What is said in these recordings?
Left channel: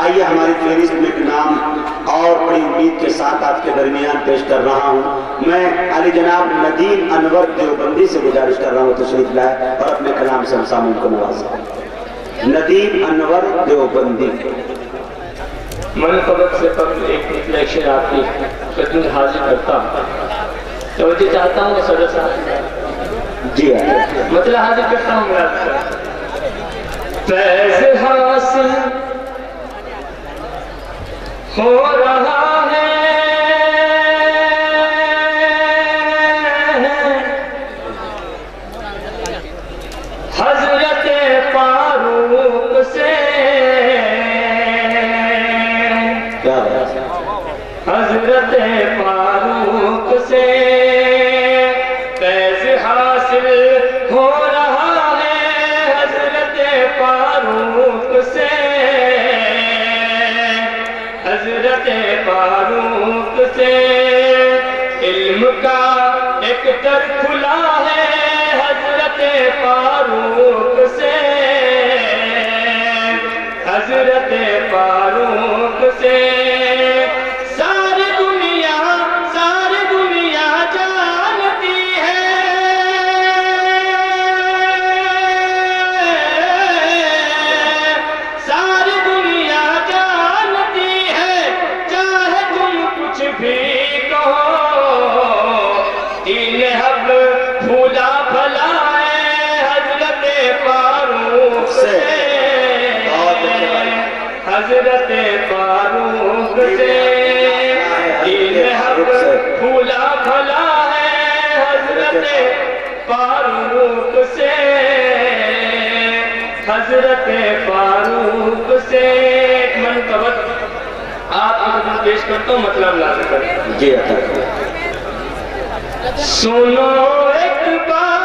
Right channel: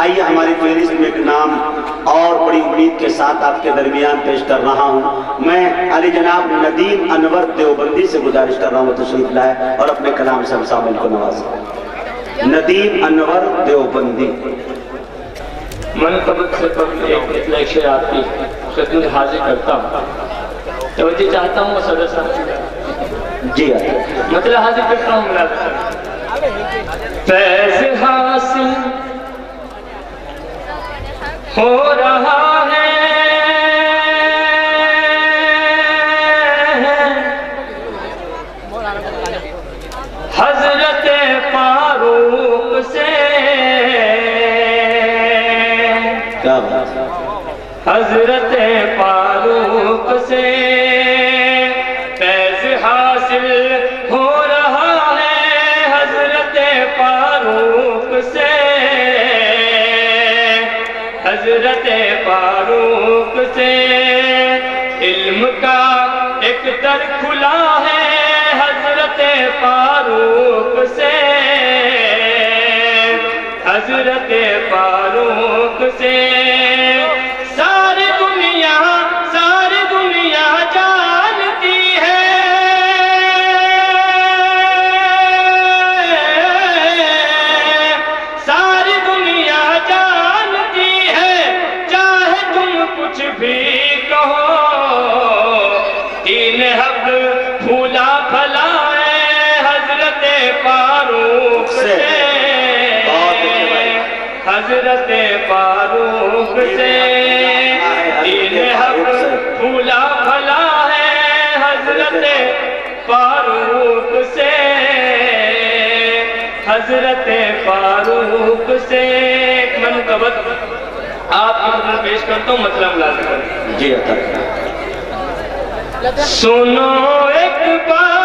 آئیے ہماری فہرست میں ایک نام اور بڑی امید کے ساتھ آپ کے درمیان پیش کر رہا ہوں. میں علی جناب ندیم انور دیوبندی سے گزارش کر رہا ہوں تشریف لائے اور اپنے کلام سے ہم سامعین کو نوازیں. ندیم انور دیوبندی. منقبت سے قبل ایک لیکچر آپ کی خدمت حاضر کرتا ہوں. توجہ چاہتا ہوں صدر صاحب. جی مطلب حاضر کرتا ہوں میرا فیض حاصل ہو رہا ہے حضرت فاروق سے. حضرت فاروق سے فیض حاصل ہو رہا ہے حضرت فاروق سے. حضرت فاروق سے علم کا ایک در کھلا ہے حضرت فاروق سے. حضرت فاروق سے ساری دنیا جانتی ہے. ساری دنیا جانتی ہے چاہے تم کچھ بھی کہو. تین حق پھولا پھلا ہے حضرت فاروق سے. حضرت فاروق سے تین حق پھولا پھلا ہے حضرت فاروق سے. حضرت فاروق سے ایک منقبت آپ کو پیش کرتا ہوں مطلب لازم کریں. جی سنو ایک بار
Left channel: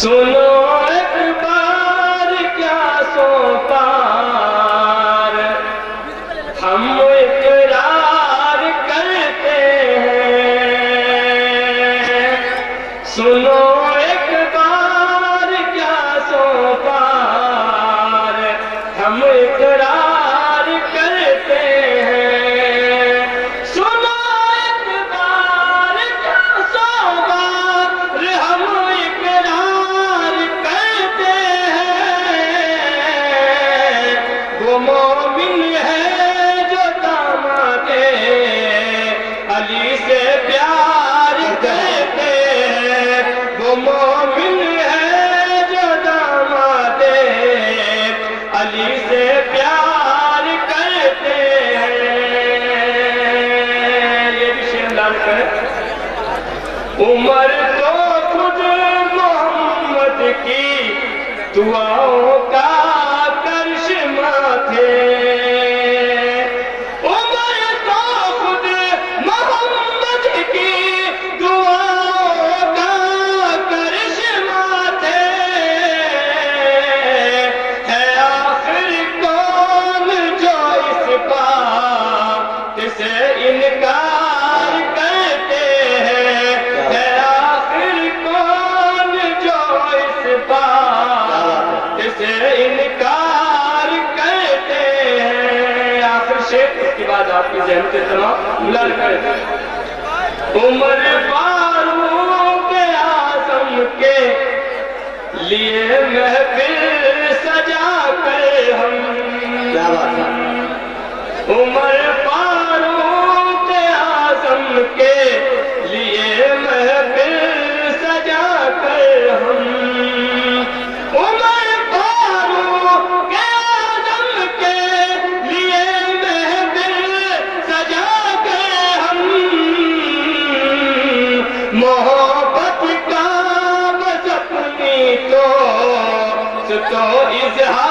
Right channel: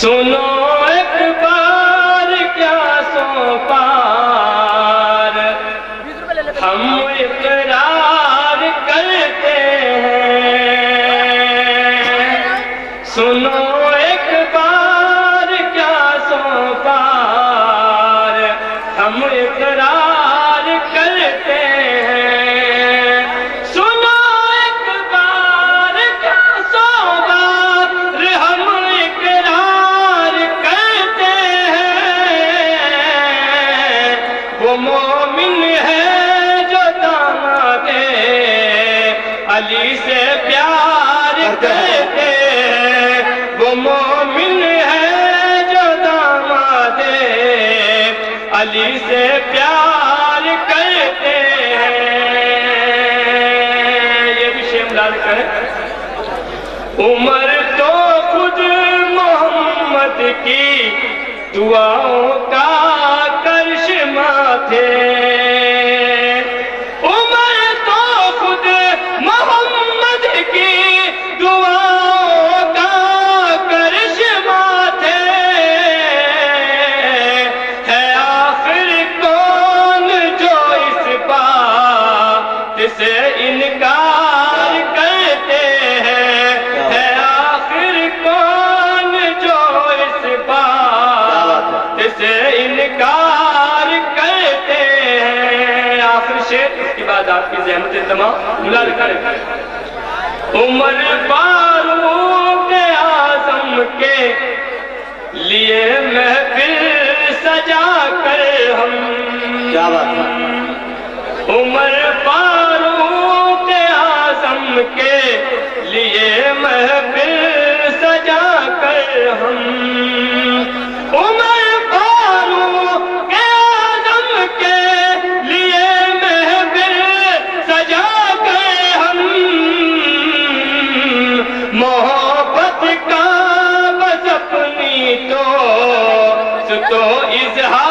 سنو ایک بار کیا سو پار ہم اقرار کرتے ہیں. سنو ایک بار کیا سو پار ہم اقرار کرتے ہیں. سنو ایک بار کیا سو بار ہم اقرار کرتے ہیں. وہ مومن ہے جو داماد علی سے پیار کرتے ہیں. وہ مومن ہے جو داماد علی سے پیار کرتے ہیں. یہ بھی شعر لال کرے. عمر تو خود محمد کی دعاؤں کا کرشمہ تھے. عمر تو خود محمد کی دعاؤں کا کرشمہ تھے. ہے آخر کون جو اس بات سے انکار کرتے ہیں. ہے آخر کون جو اس بات سے انکار کرتے ہیں. آخر شیخ اس کے بعد آپ کی ذہن سے تمام ملال کریں. عمر فاروق اعظم کے لیے محفل سجا کر ہم. عمر فاروق اعظم کے لیے محفل سجا کر ہم. عمر فاروق اعظم کے لیے محفل سجا کر ہم. محبت کا بس اپنی تو اظہار